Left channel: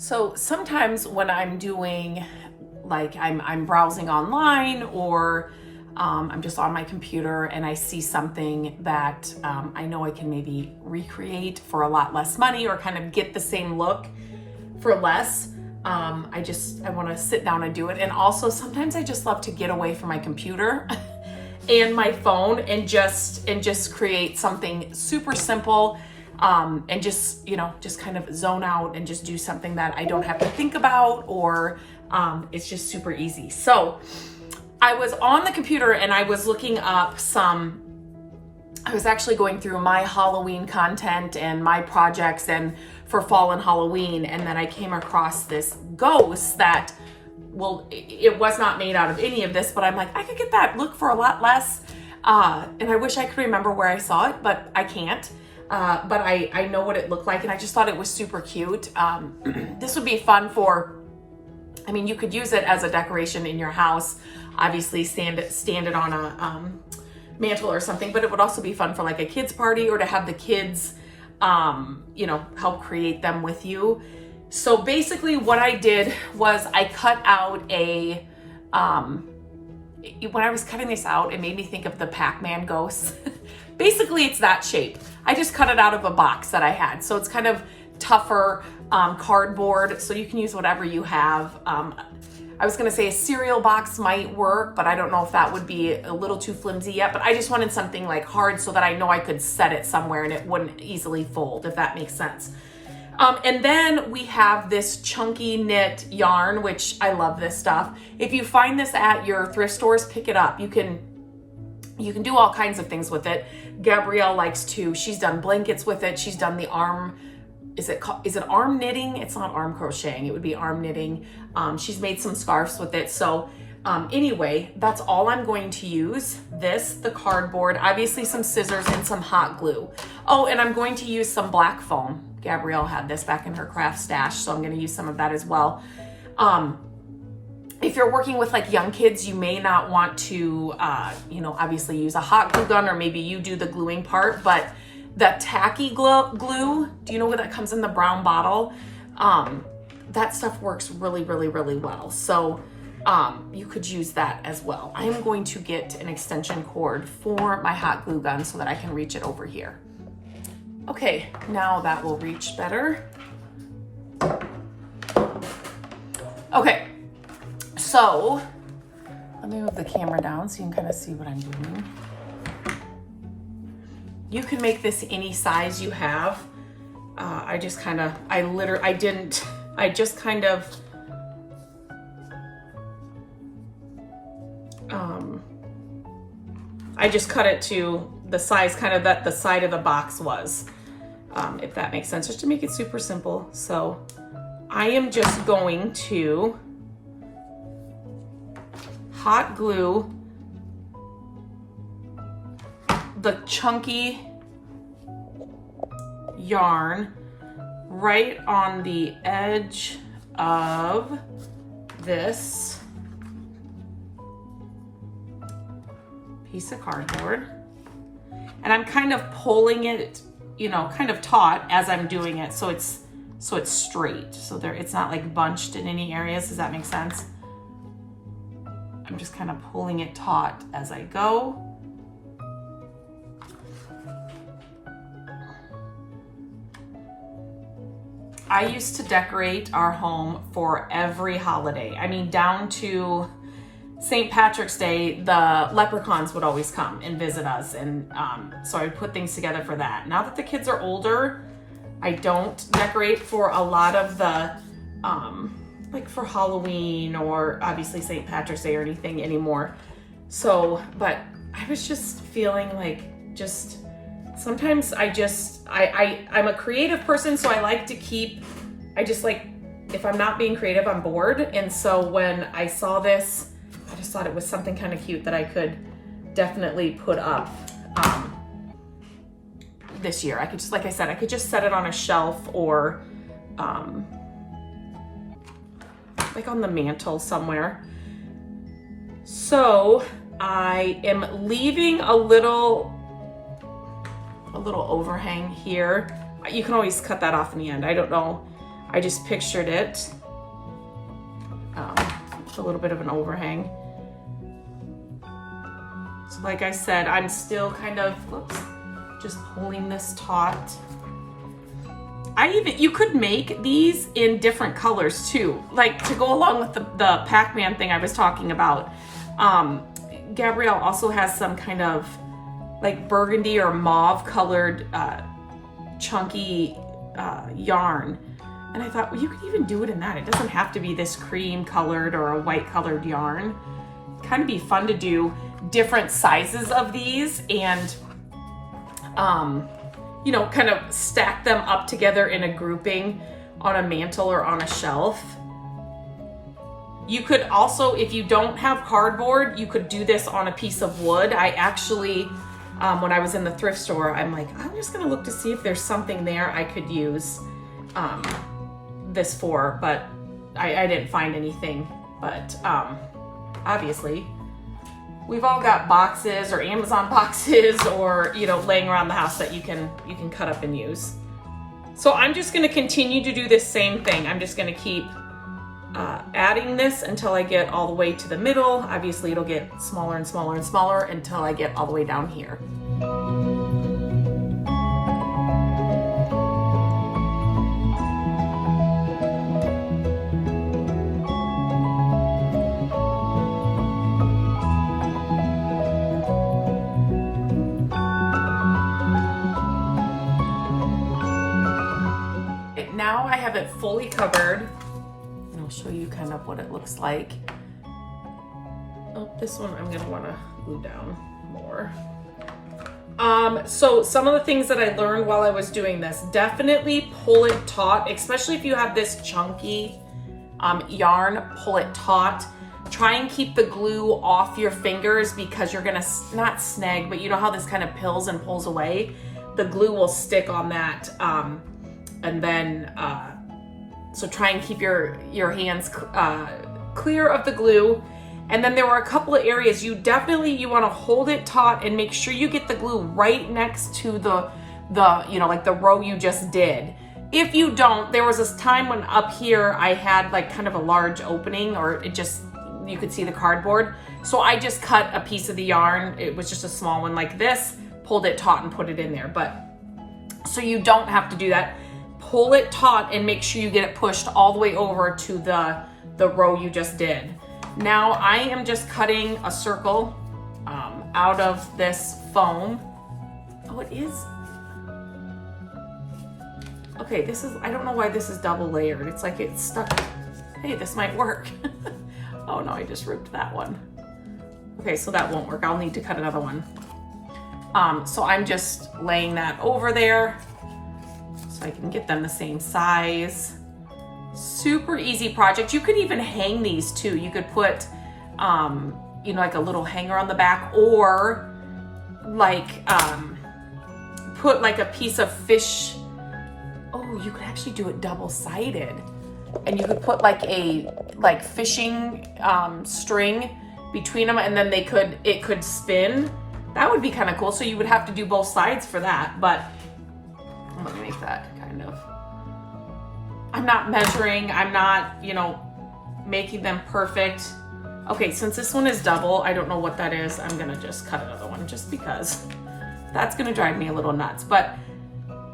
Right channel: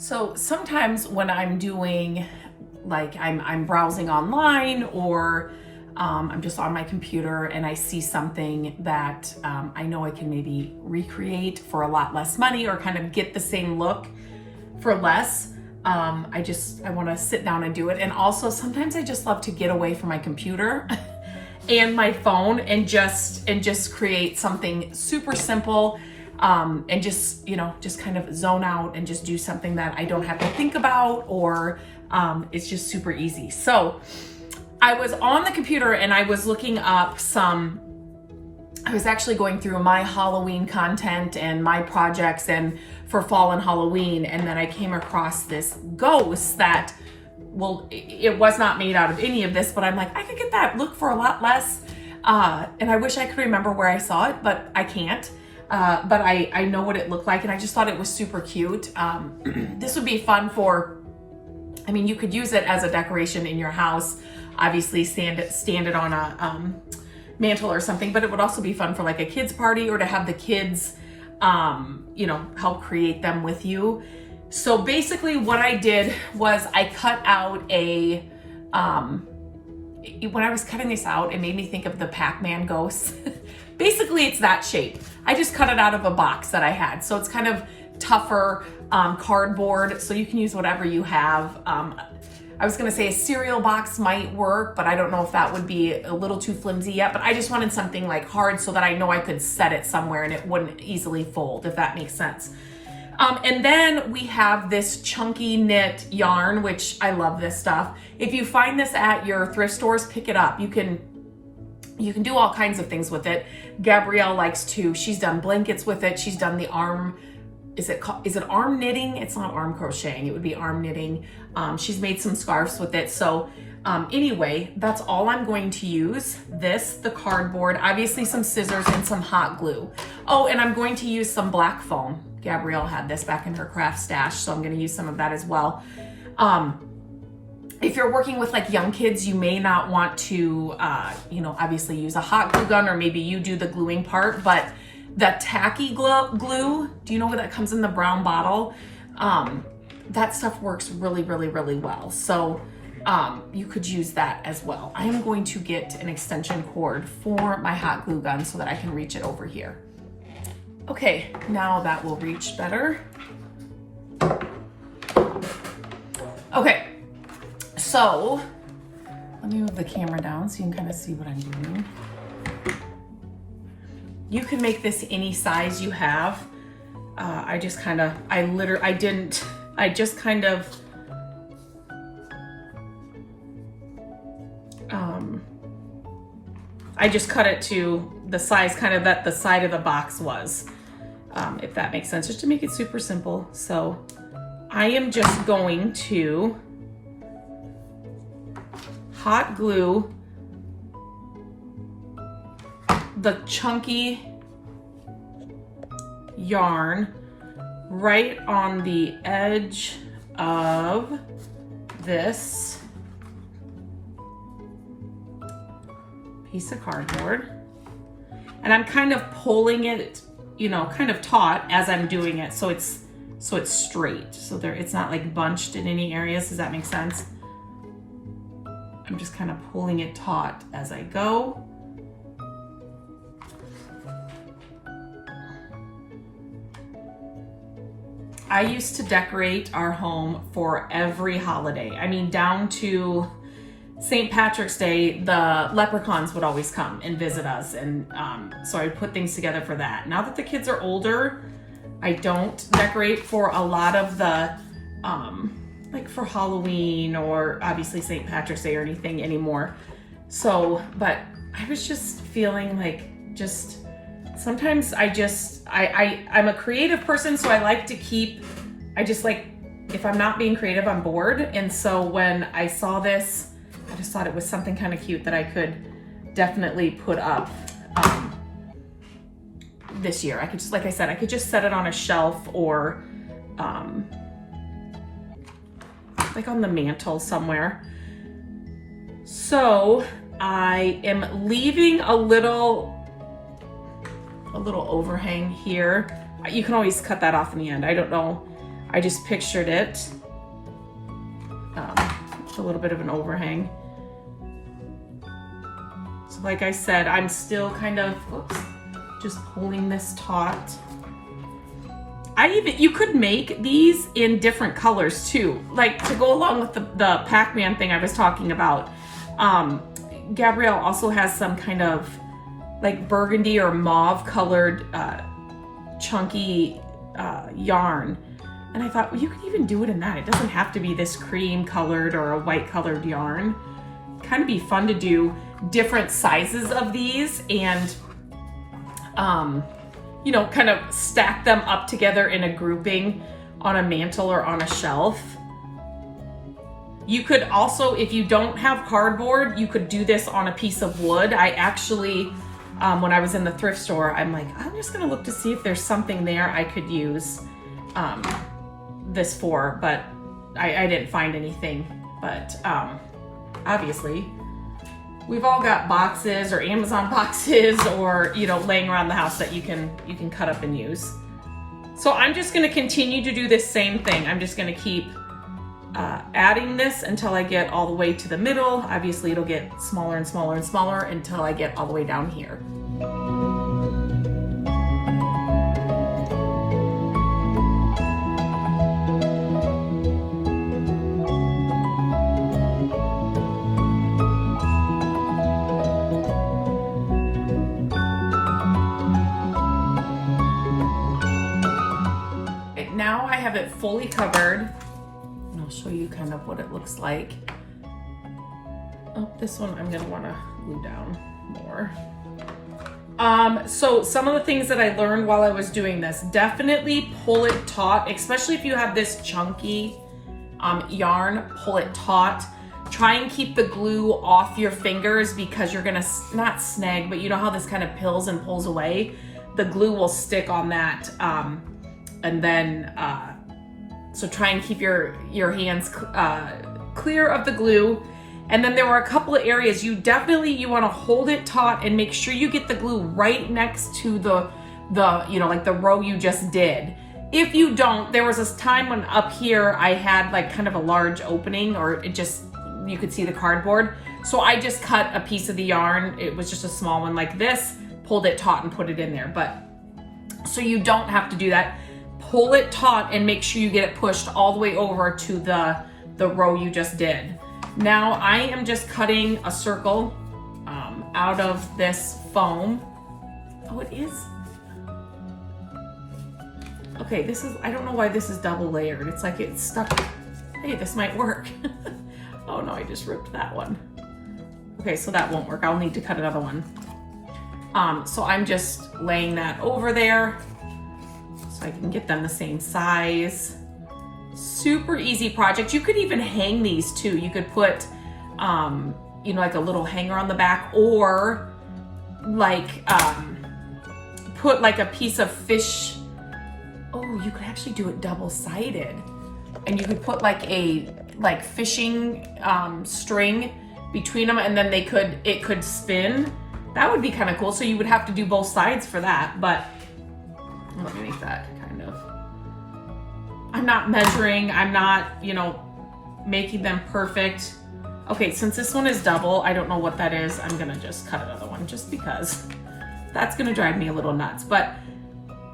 So sometimes when I'm doing, like I'm browsing online, or I'm just on my computer and I see something that I know I can maybe recreate for a lot less money, or kind of get the same look for less. I want to sit down and do it. And also sometimes I just love to get away from my computer and my phone and just create something super simple. And just kind of zone out and just do something that I don't have to think about, or it's just super easy. So I was on the computer and I was looking up I was actually going through my Halloween content and my projects and for fall and Halloween. And then I came across this ghost that, well, it was not made out of any of this, but I'm like, I could get that look for a lot less. And I wish I could remember where I saw it, but I can't. But I know what it looked like, and I just thought it was super cute. This would be fun you could use it as a decoration in your house, obviously stand it on a mantle or something, but it would also be fun for like a kid's party, or to have the kids, help create them with you. So basically what I did was I cut out when I was cutting this out, it made me think of the Pac-Man ghosts. Basically, it's that shape. I just cut it out of a box that I had. So it's kind of tougher cardboard, so you can use whatever you have. I was gonna say a cereal box might work, but I don't know if that would be a little too flimsy yet, but I just wanted something like hard so that I know I could set it somewhere and it wouldn't easily fold, if that makes sense. And then we have this chunky knit yarn, which I love this stuff. If you find this at your thrift stores, pick it up. You can do all kinds of things with it. Gabrielle likes to, she's done blankets with it. She's done the arm, is it arm knitting? It's not arm crocheting, it would be arm knitting. She's made some scarves with it. So anyway, that's all I'm going to use. The cardboard, obviously some scissors and some hot glue. Oh, and I'm going to use some black foam. Gabrielle had this back in her craft stash, so I'm gonna use some of that as well. If you're working with like young kids, you may not want to, obviously use a hot glue gun, or maybe you do the gluing part, but the tacky glue, do you know what that comes in the brown bottle? That stuff works really, really, really well. So you could use that as well. I am going to get an extension cord for my hot glue gun so that I can reach it over here. Okay, now that will reach better. Okay. So let me move the camera down so you can kind of see what I'm doing. You can make this any size you have. I just cut it to the size kind of that the side of the box was, if that makes sense, just to make it super simple. So I am just going to hot glue the chunky yarn right on the edge of this piece of cardboard. And I'm kind of pulling it, kind of taut as I'm doing it, so it's straight. So it's not like bunched in any areas. Does that make sense? I'm just kind of pulling it taut as I go. I used to decorate our home for every holiday. I mean, down to St. Patrick's Day, the leprechauns would always come and visit us. And so I would put things together for that. Now that the kids are older, I don't decorate for a lot of the, like for Halloween or obviously St. Patrick's Day or anything anymore. So, but I was just feeling like sometimes I'm a creative person, so I like to if I'm not being creative, I'm bored. And so when I saw this, I just thought it was something kind of cute that I could definitely put up this year. I could just, like I said, I could just set it on a shelf or like on the mantle somewhere. So I am leaving a little overhang here. You can always cut that off in the end. I don't know. I just pictured it. With a little bit of an overhang. So like I said, I'm still kind of, just pulling this taut. You could make these in different colors too, like to go along with the Pac-Man thing I was talking about. Gabrielle also has some kind of like burgundy or mauve colored chunky yarn. And I thought, well, you could even do it in that. It doesn't have to be this cream colored or a white colored yarn. Kind of be fun to do different sizes of these and, you know, kind of stack them up together in a grouping on a mantle or on a shelf. You could also, if you don't have cardboard, you could do this on a piece of wood. I actually, when I was in the thrift store, I'm like, I'm just gonna look to see if there's something there I could use this for, but I didn't find anything. But obviously, we've all got boxes or Amazon boxes or, you know, laying around the house that you can cut up and use. So I'm just gonna continue to do this same thing. I'm just gonna keep adding this until I get all the way to the middle. Obviously it'll get smaller and smaller and smaller until I get all the way down here. Now I have it fully covered. And I'll show you kind of what it looks like. Oh, this one I'm gonna wanna glue down more. So some of the things that I learned while I was doing this, definitely pull it taut, especially if you have this chunky yarn, pull it taut. Try and keep the glue off your fingers because you're gonna, not snag, but you know how this kind of pills and pulls away? The glue will stick on that. And then, so try and keep your hands clear of the glue. And then there were a couple of areas you want to hold it taut and make sure you get the glue right next to the you know, like the row you just did. If you don't, there was this time when up here I had like kind of a large opening, or it just, you could see the cardboard. So I just cut a piece of the yarn. It was just a small one like this, pulled it taut and put it in there. But so you don't have to do that. Pull it taut and make sure you get it pushed all the way over to the row you just did. Now I am just cutting a circle out of this foam. Oh, it is. Okay, this is, I don't know why this is double layered. It's like it's stuck. Hey, this might work. Oh no, I just ripped that one. Okay, so that won't work. I'll need to cut another one. So I'm just laying that over there so I can get them the same size. Super easy project. You could even hang these too. You could put, you know, like a little hanger on the back, or like put like a piece of fish. Oh, you could actually do it double-sided, and you could put like a fishing string between them, and then it could spin. That would be kind of cool. So you would have to do both sides for that, but I'm gonna make that kind of. I'm not measuring, I'm not, you know, making them perfect. Okay, since this one is double, I don't know what that is. I'm gonna just cut another one just because that's gonna drive me a little nuts. But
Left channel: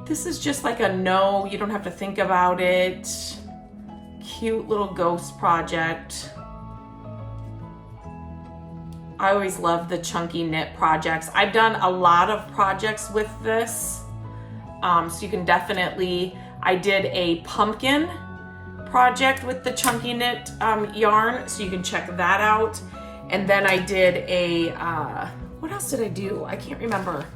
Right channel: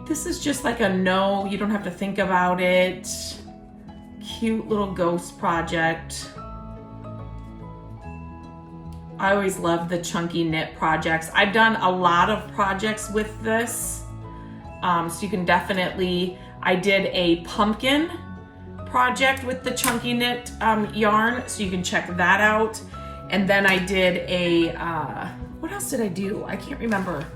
this is just like a no, you don't have to think about it. Cute little ghost project. I always love the chunky knit projects. I've done a lot of projects with this. So you can definitely, I did a pumpkin project with the chunky knit yarn, so you can check that out. And then I did a, what else did I do? I can't remember.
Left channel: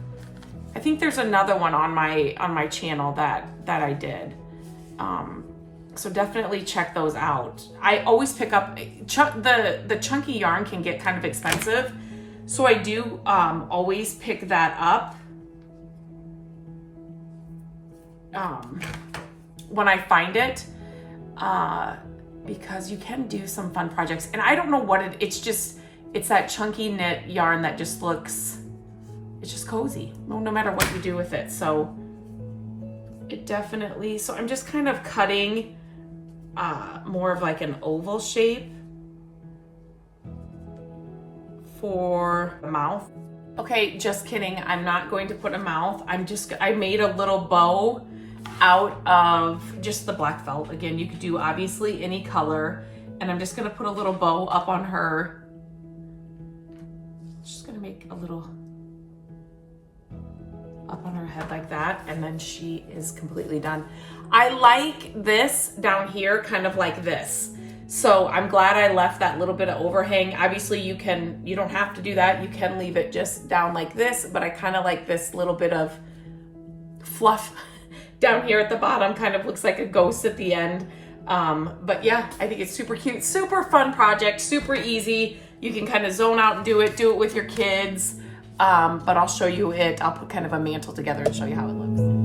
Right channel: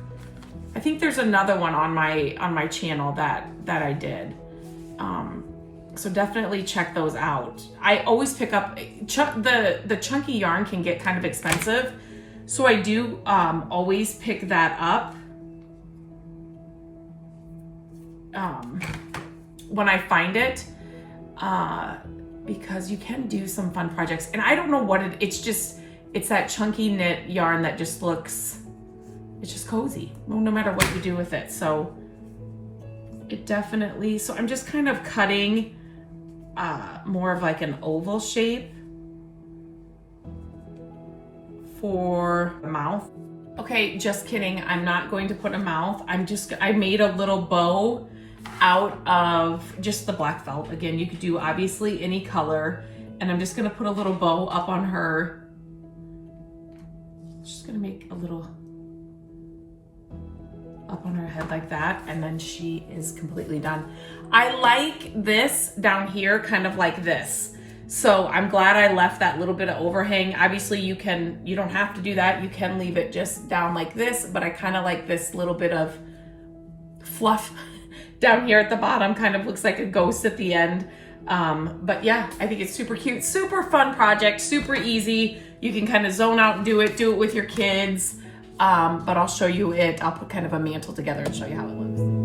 I think there's another one on my channel that I did. So definitely check those out. I always pick up, the chunky yarn can get kind of expensive. So I do always pick that up when I find it, because you can do some fun projects. And I don't know what it's that chunky knit yarn that just looks, it's just cozy, no matter what you do with it. So it definitely, so I'm just kind of cutting more of like an oval shape for the mouth. Okay, just kidding. I'm not going to put a mouth. I made a little bow out of just the black felt. Again, you could do obviously any color. And I'm just gonna put a little bow up on her. Just gonna make a little up on her head like that. And then she is completely done. I like this down here, kind of like this. So I'm glad I left that little bit of overhang. Obviously you don't have to do that. You can leave it just down like this, but I kind of like this little bit of fluff down here at the bottom. Kind of looks like a ghost at the end. But yeah, I think it's super cute, super fun project, super easy. You can kind of zone out and do it with your kids. But I'll show you it. I'll put kind of a mantle together and show you how it looks.